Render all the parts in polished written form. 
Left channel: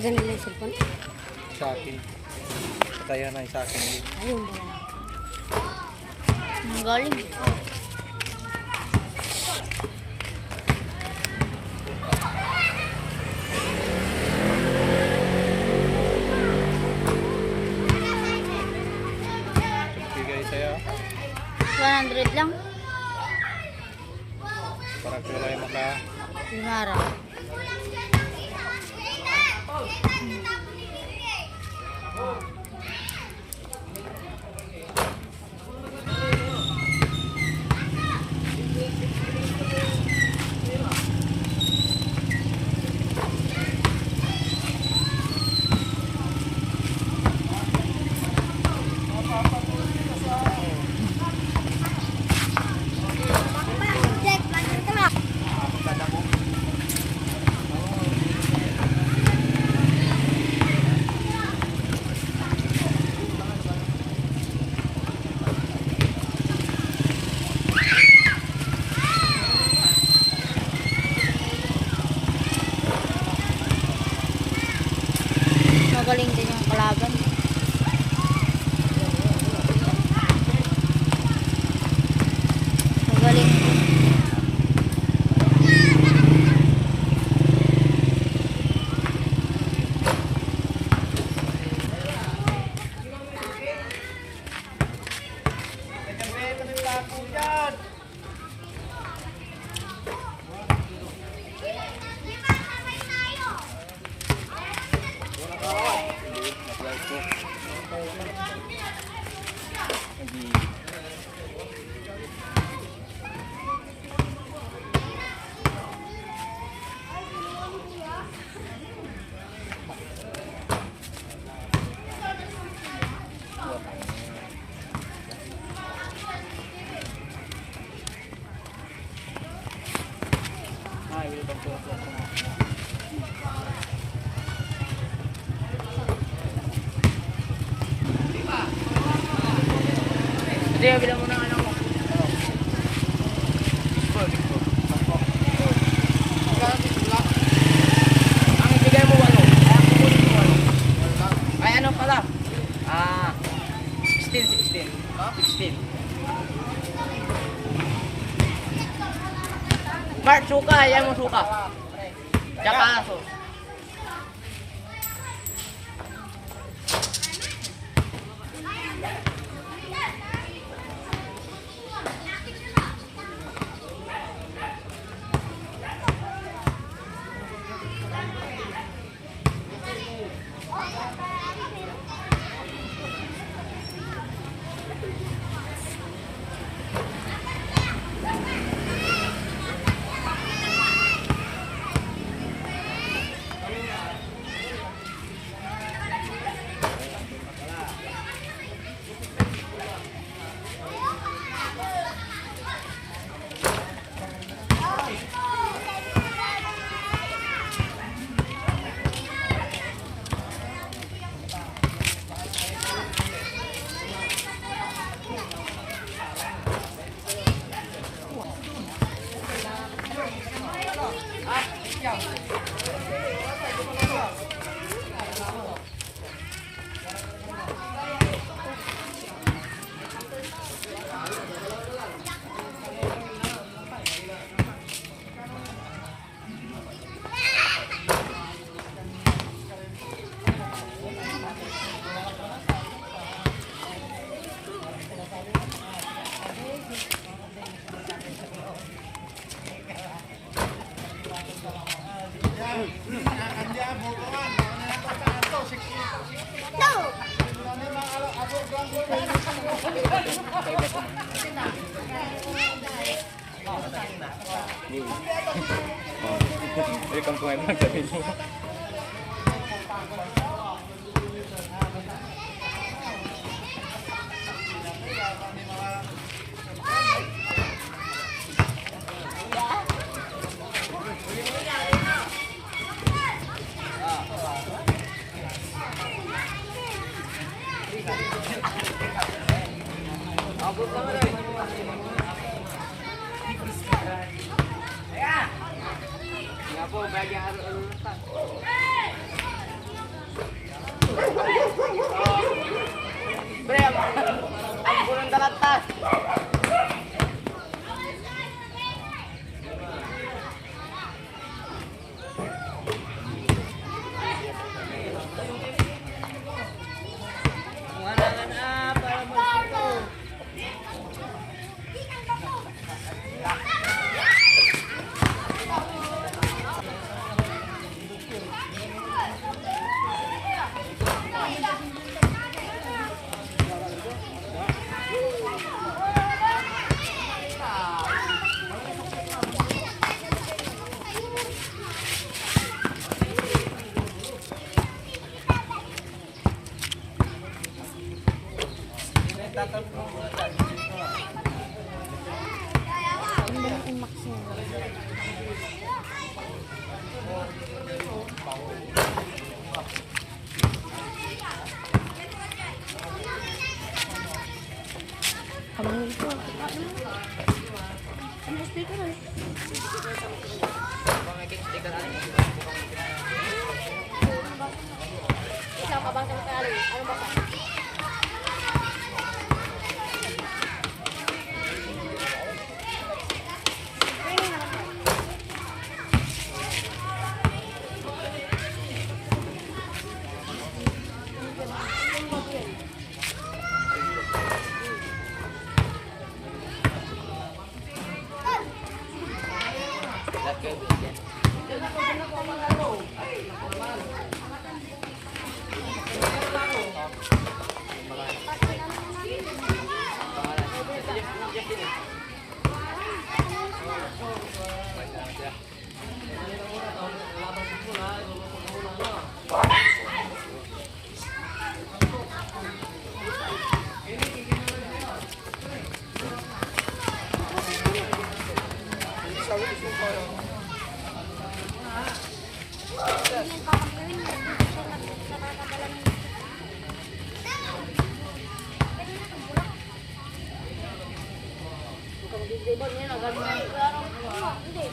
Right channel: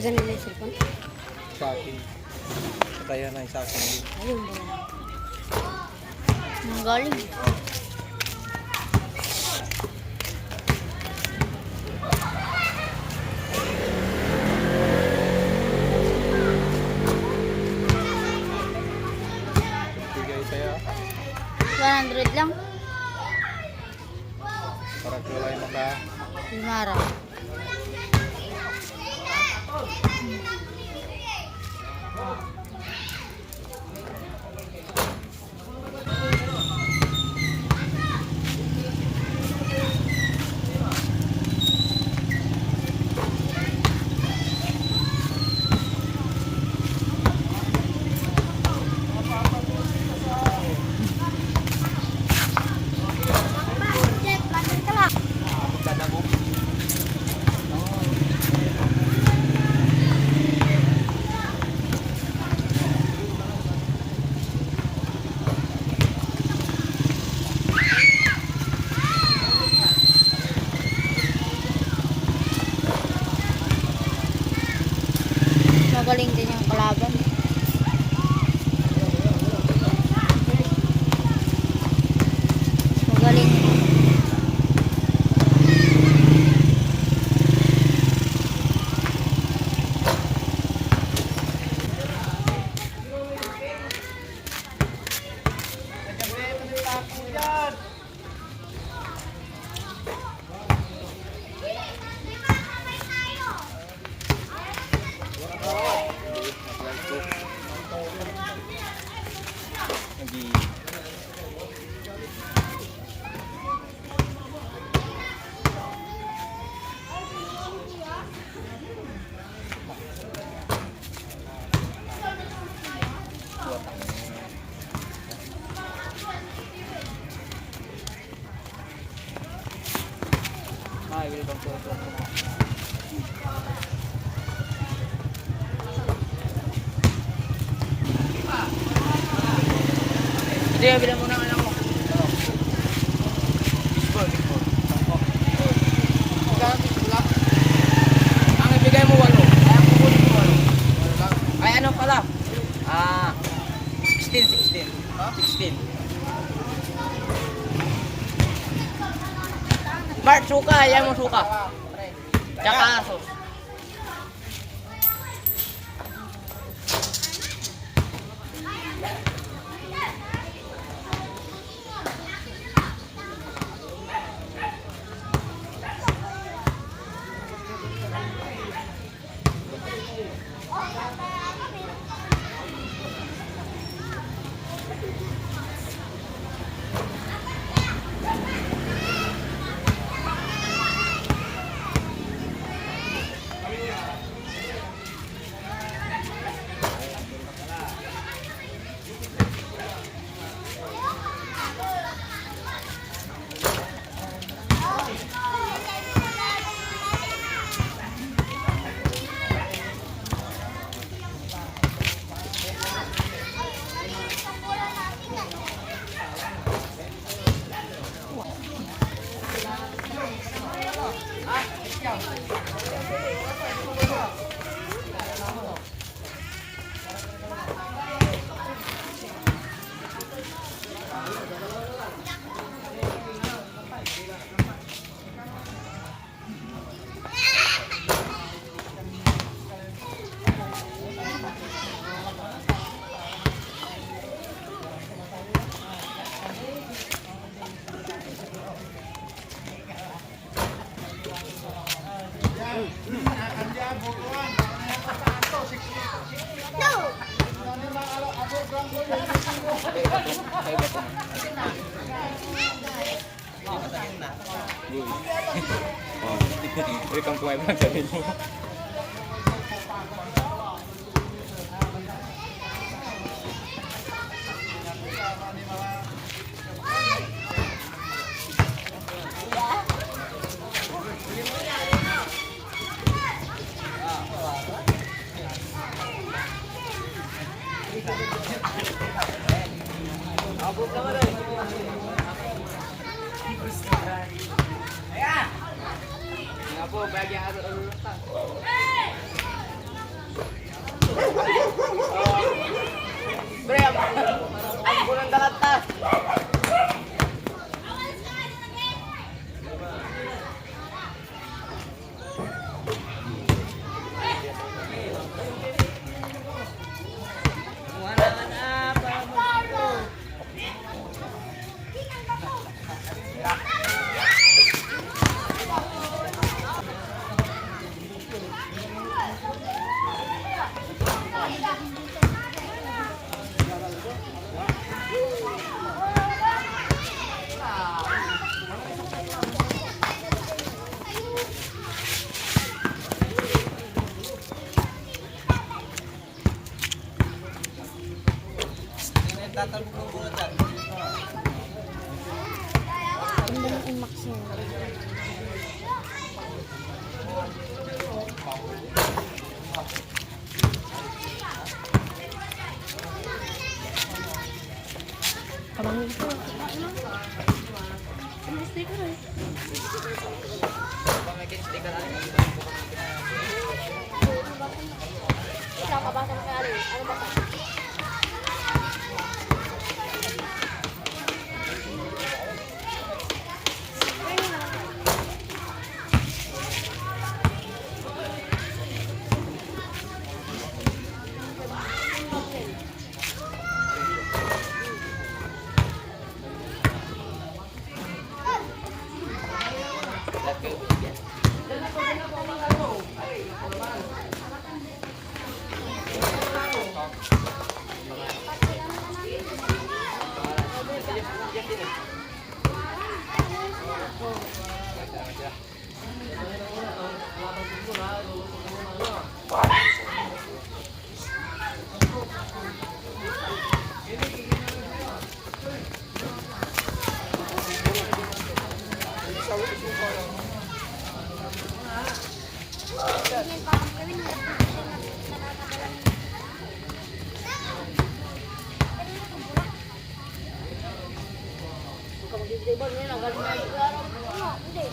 Ayan nila yung cellphone. Shocking. Patayan na yung shocking. Ayun ba? Ang galing. Bigay sa'yo. 100 lang. Para kulay mata. 5 araw. Magaling din yung kalaban. Magaling din. Hindi, bilang mo ng ano mo. Ang ibigay mo 8. Ay, ang kukunin mo 8. 8 lang. Ay, ano pala? 16. 16. Mark, suka. Ayan mo suka. Tsaka aso. Wait, ang kumain lang sa mo. Abot naman rin. Nga po, bagi araw-araw lang. Pre, ang punong dalata. Ganda ng IMAX niya. Kamay ito. Ano sticker eh? Pamaking sticker alin. Isa pa ba sa masali? Ano ba ka? Let's go, bigyan. Kung mag-ibon ngayon, agad na sigaro. Ano? Hindi.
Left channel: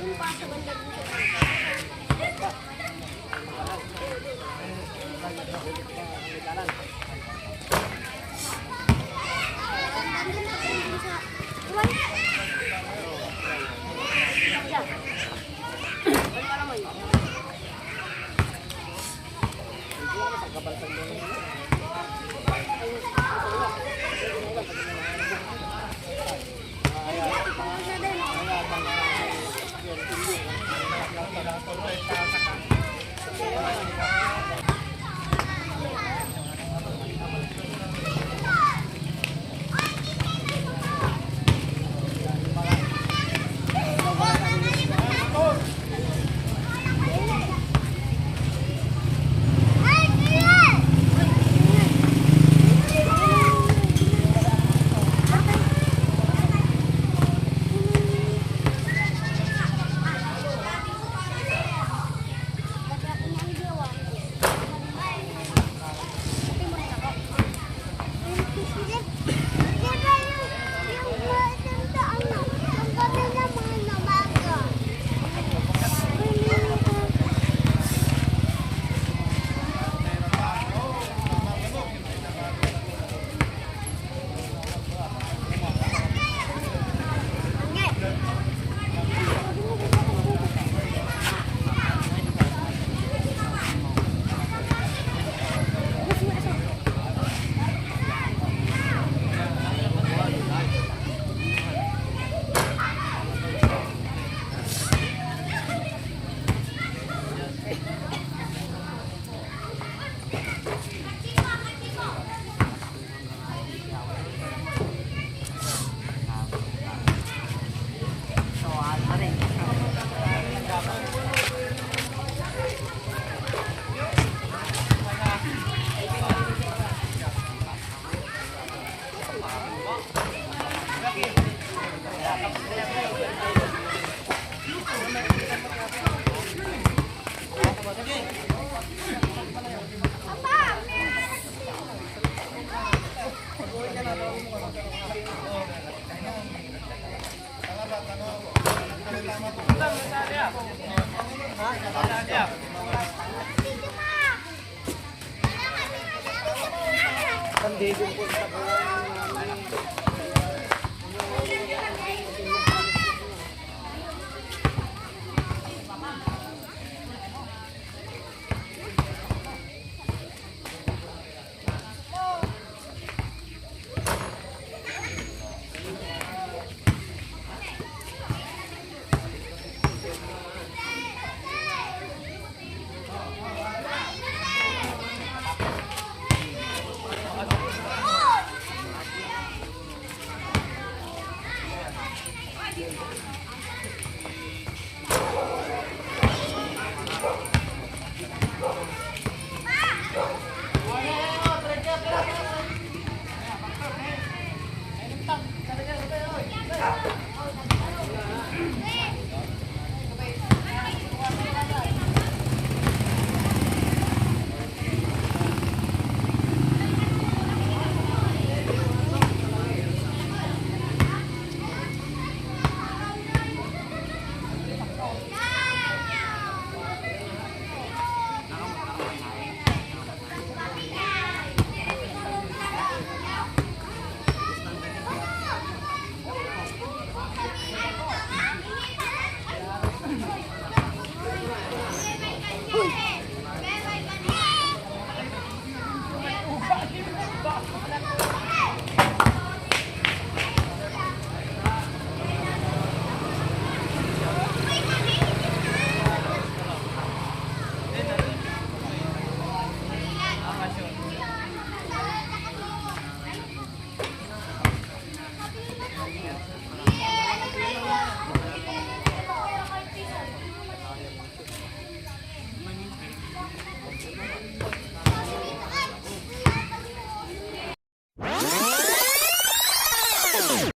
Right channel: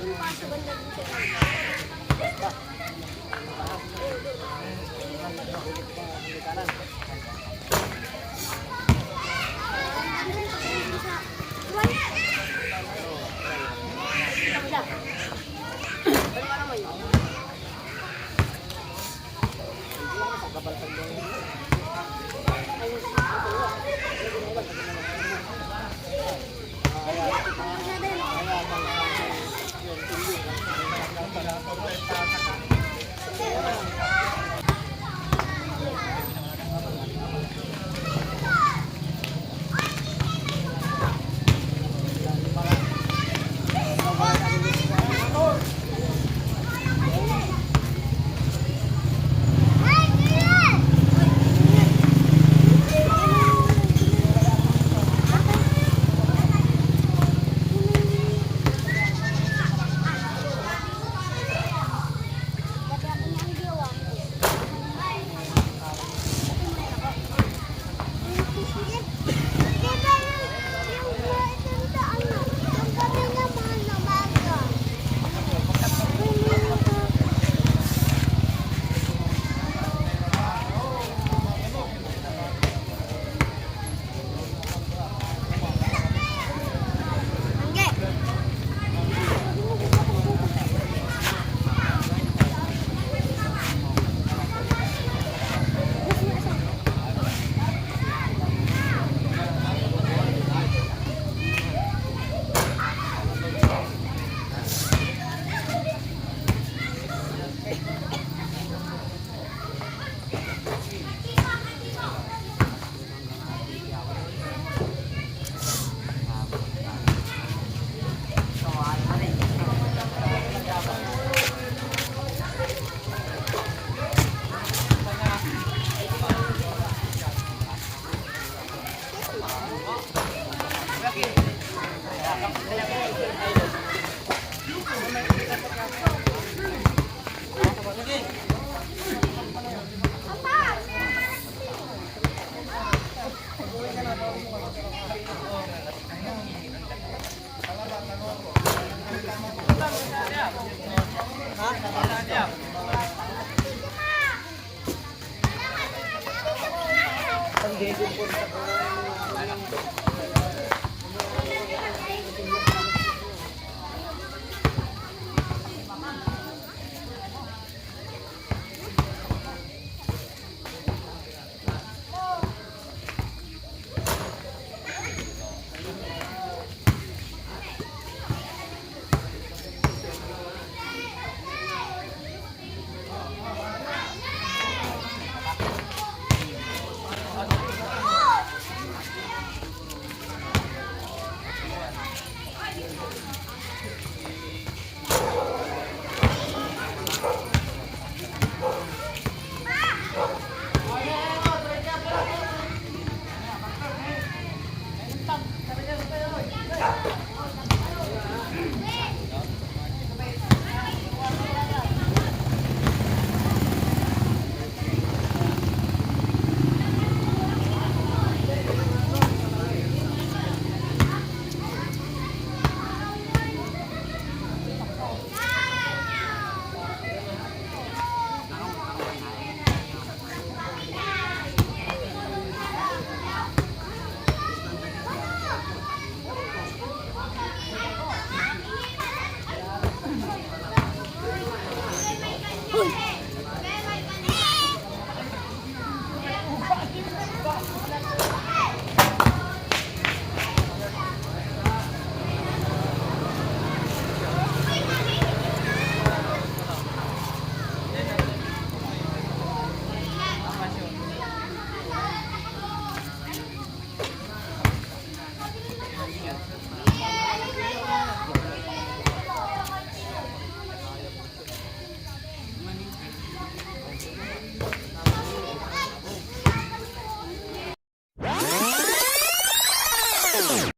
Doon pa sa banda din sa inyo. Pa. Oo, doon. Doon pa doon. Nandun pa kayo din sa Uray. Kita mo siya. Ano ka naman yun? Hindi ako masangkabaltan doon yun. Ayun, ito yun. Hindi ginawa, pag mo lang Pagkasa din, oh. Dati ako nang gawa. Dati mo rin ako. Yung gabi na mga namaga.